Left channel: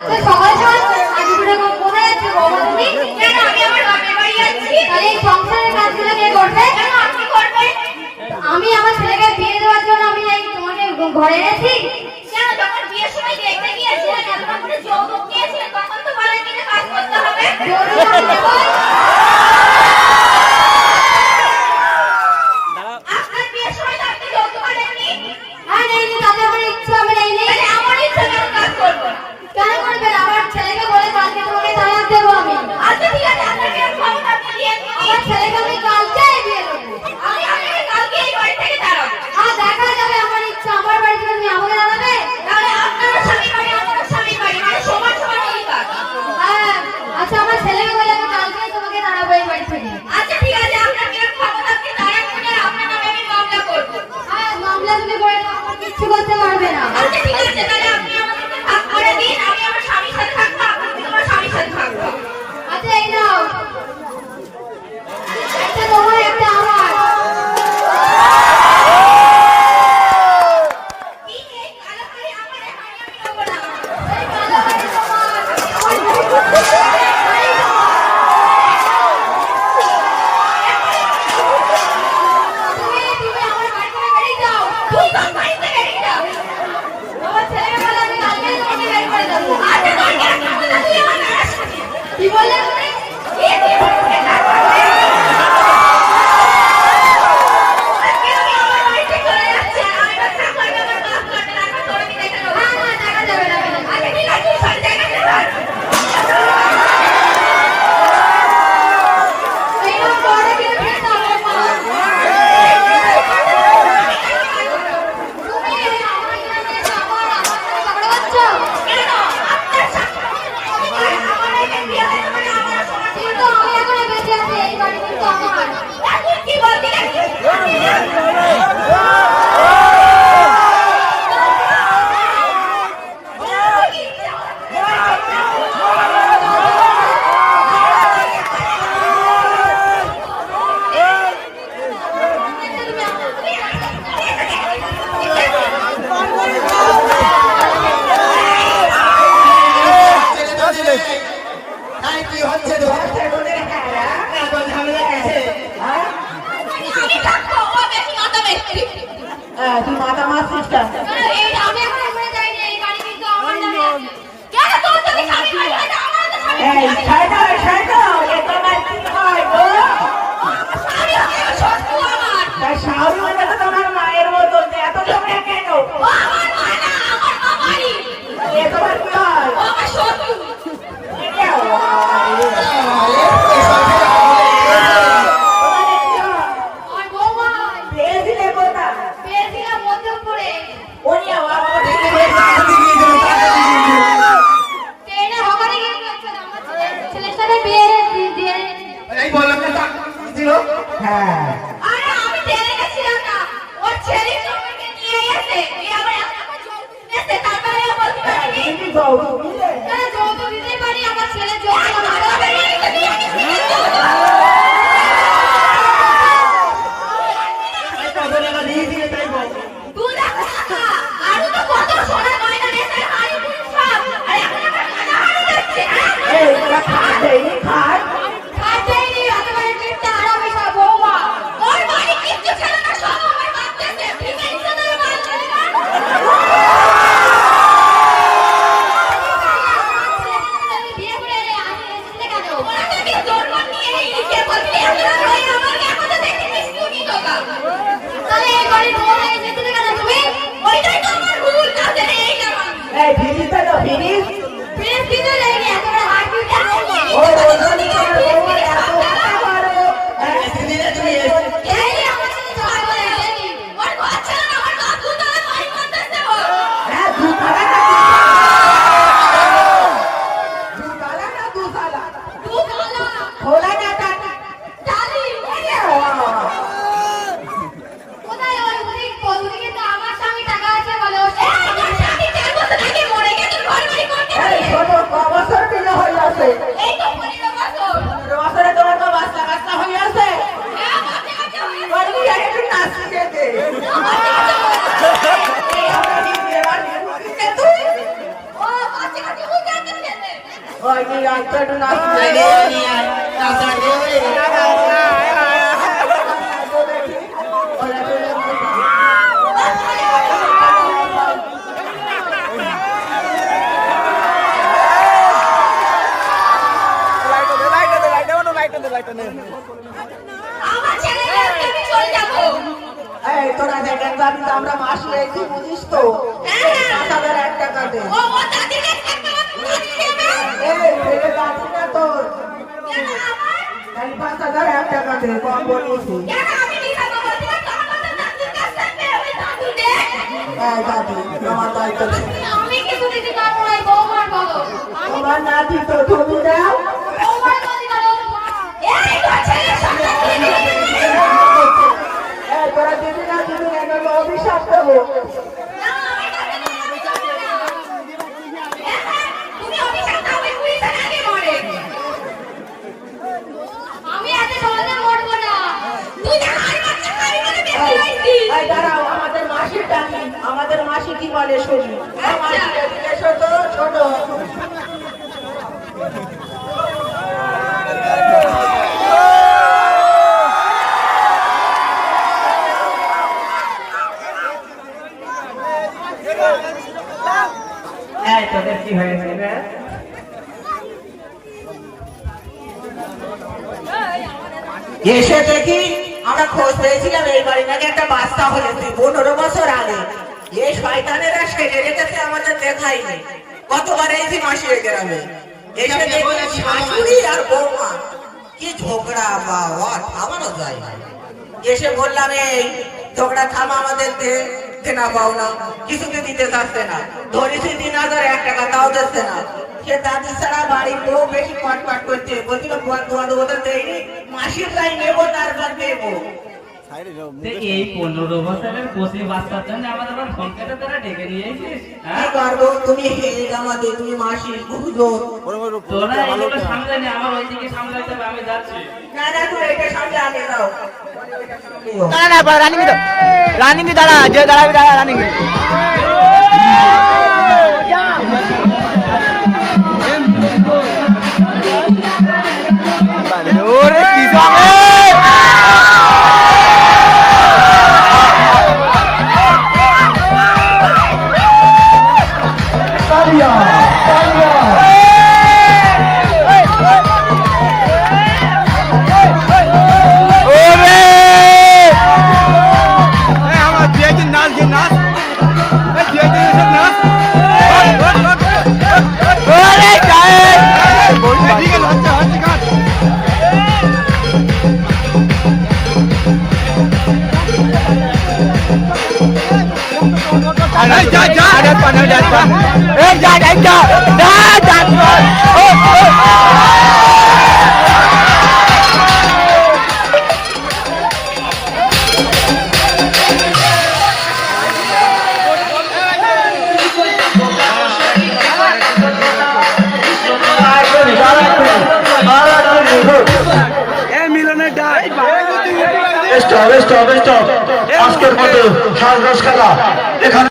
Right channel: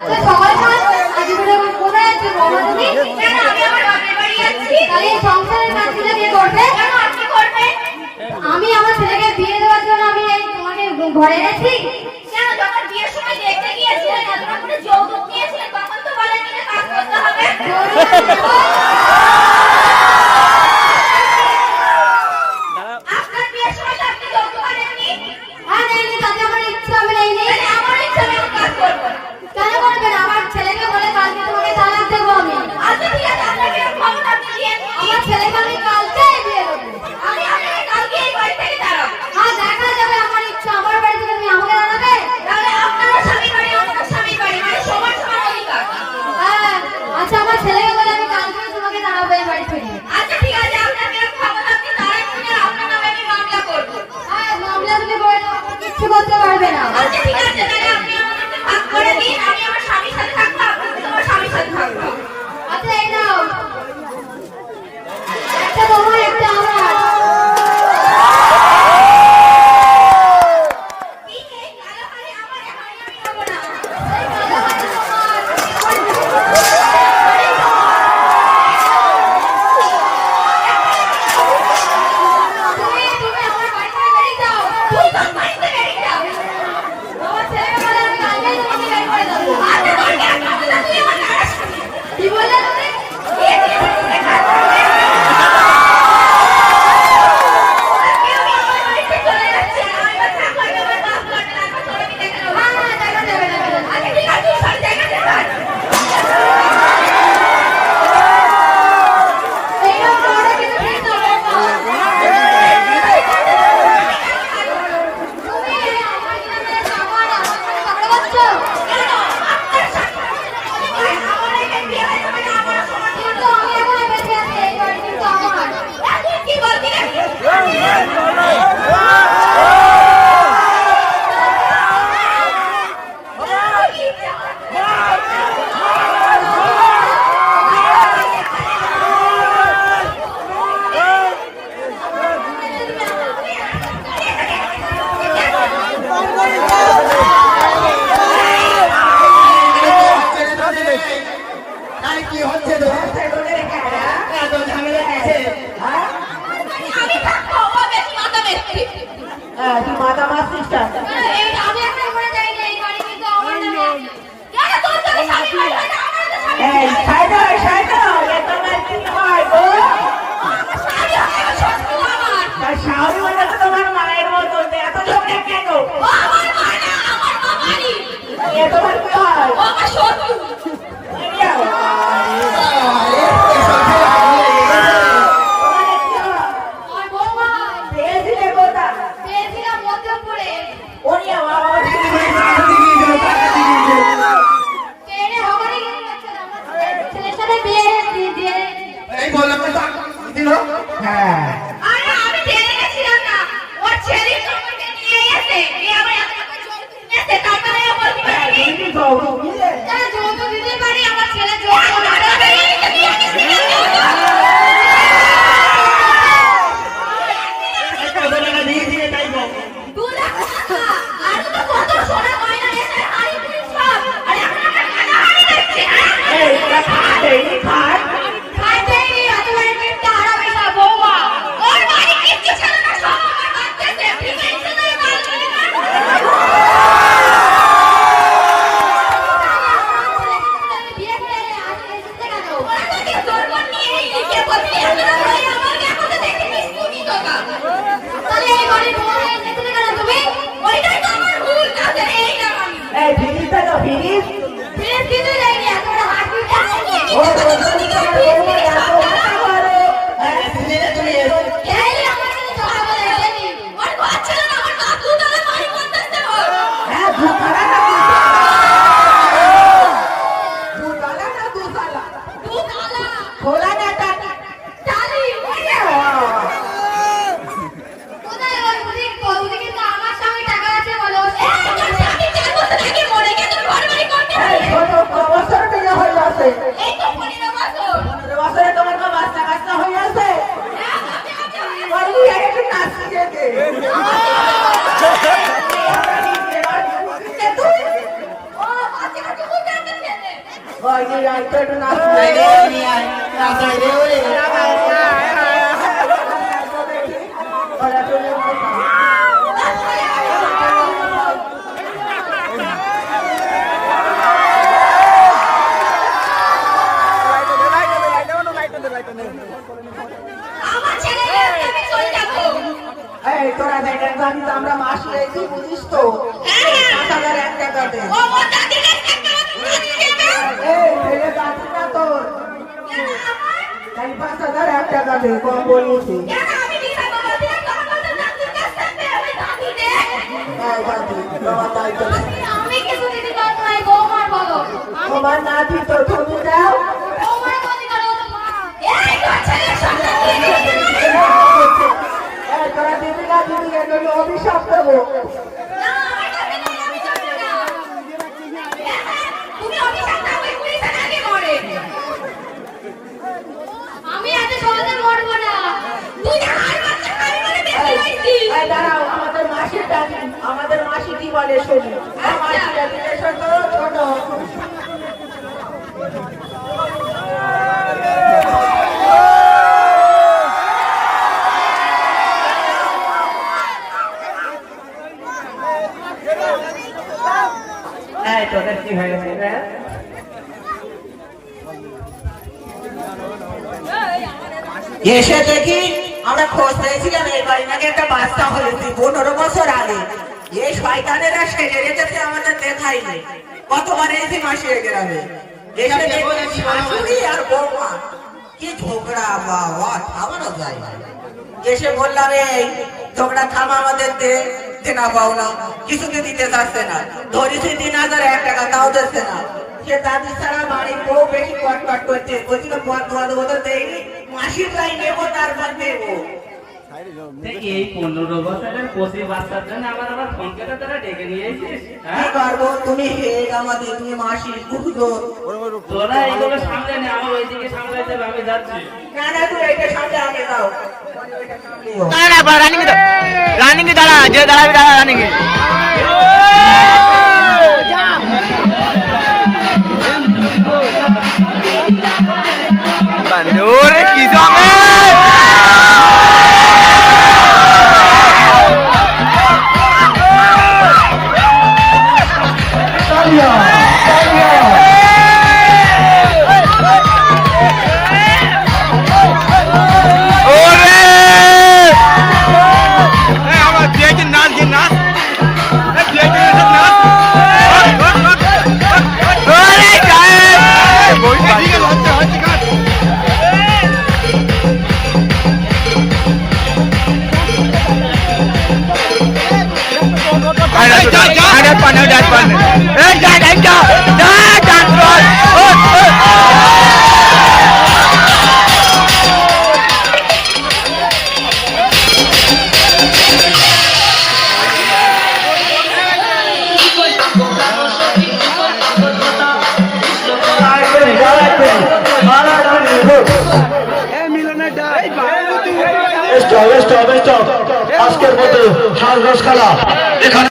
আমি আমার ছেলেকে বিয়ে দেওয়ার জন্য আমি এই তোমাকে ঘরে এনেছি। যখন বিয়ের সময় দেখতে গিয়েছিলেন এতটা করে যৌতুক নিয়েছিলেন তখন তো বলেন যে কাজ করতে হবে। আপনার বিয়ের সময় তো আপনি যৌতুক আনেননি। আর এই তাতে আমার ইচ্ছা আমি এই নেই। আমার ইচ্ছা আমি কাজ করবো। কেন করবেন? আমার ছেলেকে বলে কালকে তোমাকে তালাক দেবো আমি। আচ্ছা ঠিক আছে, আপনাকে ক্ষমতা আপনি দিয়ে দিন। আমার ছেলেকে আমি কালকেই বিয়ে দেবো। আমি আপনাকে কালকে এই বাড়ি থেকে তাড়াবো। আর দেখা যাবে আমার ইচ্ছা। আমার বাড়ি থেকে তুমি আমাকে জানাবে। তাহলে আপনারও স্বামী বাড়ি আমারও স্বামী বাড়ি, মানে সবার সমান অধিকার। হ্যাঁ, আচ্ছা আমার ছেলেকে বলে আমি কালকেই তোমাকে তাড়াবো এই বাড়ি থেকে। আচ্ছা ঠিক আছে, আপনাকে ক্ষমতা আপনি তাড়াবো না, আপনার নামে আমি মামলা করবো। হ্যাঁ, মামলা তুমি করে দাও, আমার কিচ্ছু করতে পারবে না। আচ্ছা ঠিক আছে, তাহলে আপনি আমাকে ভাগ করে দিন। আমি আমার স্বামীর সাথে থাকবো, আপনি তোমার স্বামীর সাথে থাকবো। আচ্ছা এই নাও, একটা তোমার একটা আমার। কি বললে তুমি? Oh, ওই যে রাস্তাটা নাচ আমার ছেলেকে আমি চলে যাবো। এই তোরা দেখেন যাবি তো আমরা মাস রেখে বুঝিস তো 5,001 টাকা দে ও আমার দাদিকে একটা এই ফেলে যাবি না তোর এই 5,001 টাকা দে কম বলিছি কেন আমি মিথ্যা বলছি না? তোমার তো দাদির কাছ থেকে আমি দাদু দে। এই দাদু তোমার দায়িত্ব আমি কিছু দিতে পারবো না, এই বৌমার বলো। আমি তোমার নাতি তো তুমি দাও বৌমার তৈরি করবো তো মা। এই তোর ছেলের সামনে এই তোরা দিদি না দিদি না কেন অভিশাপ দেবো না, আমার দাদিকে অভিশাপ দেবে না। তুমি অভিশাপ দাও, ওই পুলিশে নাকি মরে। আমি আজ সহজে মরবো না। তুই আমার বাচ্চা খাবি বলে বেঁচে এই আইছি। এই দাঁড়াও আমাদের মাসির ডাকি আমাদের মাসি কি বলে শুনি মাসি ডাকি এসো তো ছোট এই তোদের কি হয়েছে রে? এসে দেখি আমরা খোঁজ পেয়েছিলাম এই বাড়ি নাকি একটা বাচ্চা হয়েছে 15 বছর আগে এই শয়তানেরা সেজে যেতেছে আমাদের দেখাইনি কতবার এই যে মাসির গ্রামে এসে দেখি শাশুড়ি আর বৌমা কি ঝগড়া বাবা থামানো যায় না। এসে বললাম এই ঝগড়া থামা আমাদের দেনা পাও না কিছুতে দিতে চাচ্ছে না ধরেছি 3,001 টাকা তাও দিচ্ছে না সে দাদি ছাড়া বাড়ির বউ বেশি কটকট করতে বলছিল ওদের দেয়নি মাসির রাই নেবো তারপর দেবো এই 15 বছরের কচি বাচ্চার জন্য আমাদের আবার পরীক্ষাটা তারা ডেকে নিয়ে এসেছিস কি করবো তুমি হেয়ে আমাদের তুমি মাসির বুঝলো তোরা এগুলো সামলে নে, আমার ওইদিকে সামলাইতে হবে, আমি যাচ্ছি। না না তো এটা সামনে আগে দাও না না রানিং তো রানিং দাঁড়া যে দাঁড়াবি দাঁড়া রানিং ওরে কি যাবে আজকের মতো সাজগোজ খেলা এখানে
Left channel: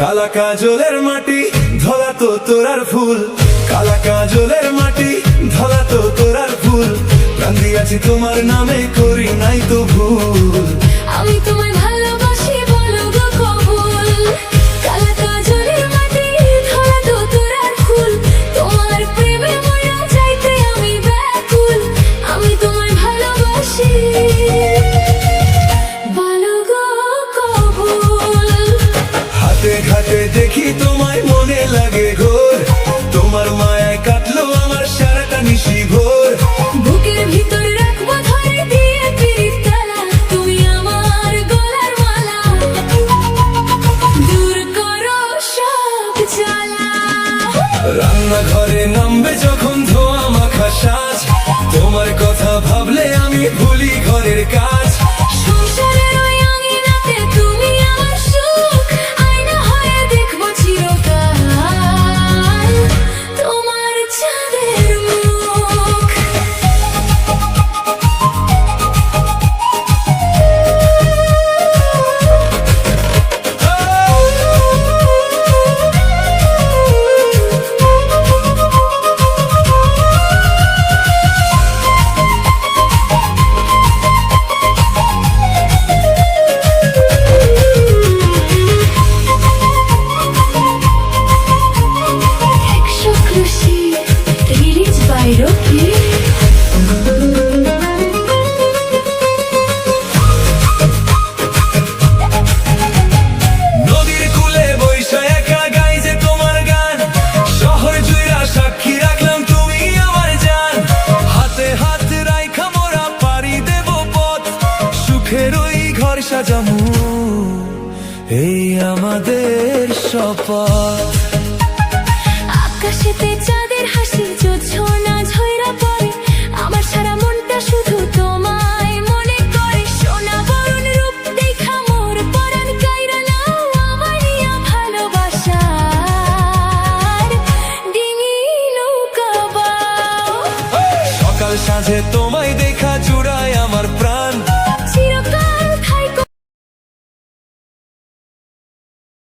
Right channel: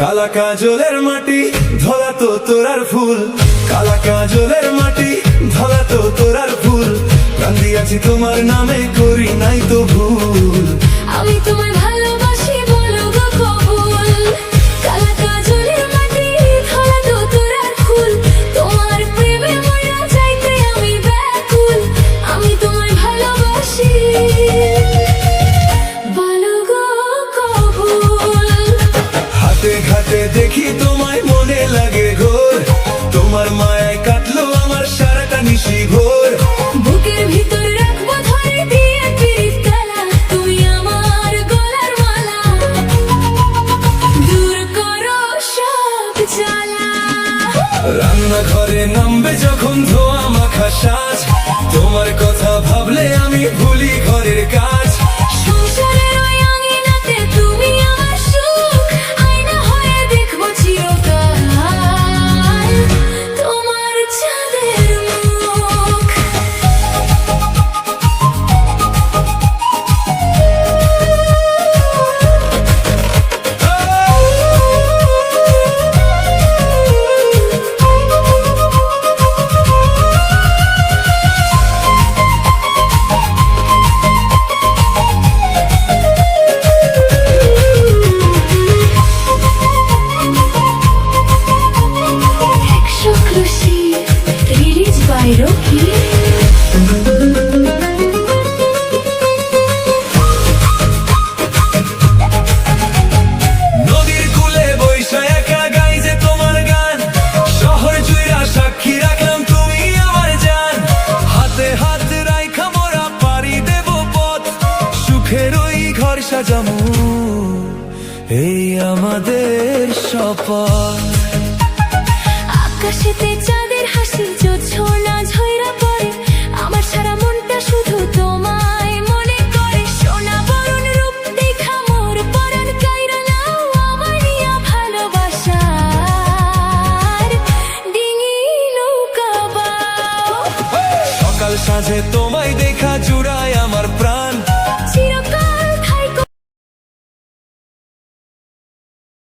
কালা কাজলের মাটি ধলা তো তোরার ফুল কালা কাজলের মাটি ধলা তো তোরার ফুল প্রাণ দিয়াছি তোমার নামে করি নাই তো ভুল আমি তোমায় ভালোবাসি বলো গো কবুল কালা কাজলের মাটি ধরা তো তোরার ফুল তোমার প্রেমে মরা যাইতে আমি ব্যাকুল আমি তোমায় ভালোবাসি বলো গো কবুল হাতে ঘাটে দেখি তোমায় মনে লাগে ঘোর তোমার মায়ায় কাটলো আমার সারাটা নিশি ভোর বুকের ভিতর রাখবো ধরে দিয়ে পিরিত তালা তুমি আমার গলার মালা আমি ভুলি ঘরের কাজ। সংসারের ওই আঙিনাতে তুমি আমার সুখ, আয়না হয়ে দেখবো চিরকাল তোমার চাঁদের মুখ। Exclusive, released by Rocky. নদীর কূলে বৈশা একা গাই যে তোমার গান, শহর জুইরা সাক্ষী রাখলাম তুমি আমার জান। হাতে হাত রাইখা মোরা পাড়ি দেব পথ, সুখের ওই ঘর সাজামু এই আমাদের শপথ। আকাশেতে চাঁদের হাসি জোছনা ঝইরা পড়ে, আমার সারা মনটা শুধু তোমায় মনে করে। সোনা বরণ রূপ দেখা মোর পরাণ কাইরা নাও, আমার নিয়া ভালোবাসার ডিঙি নৌকা বাও। সকাল সাঁঝে তো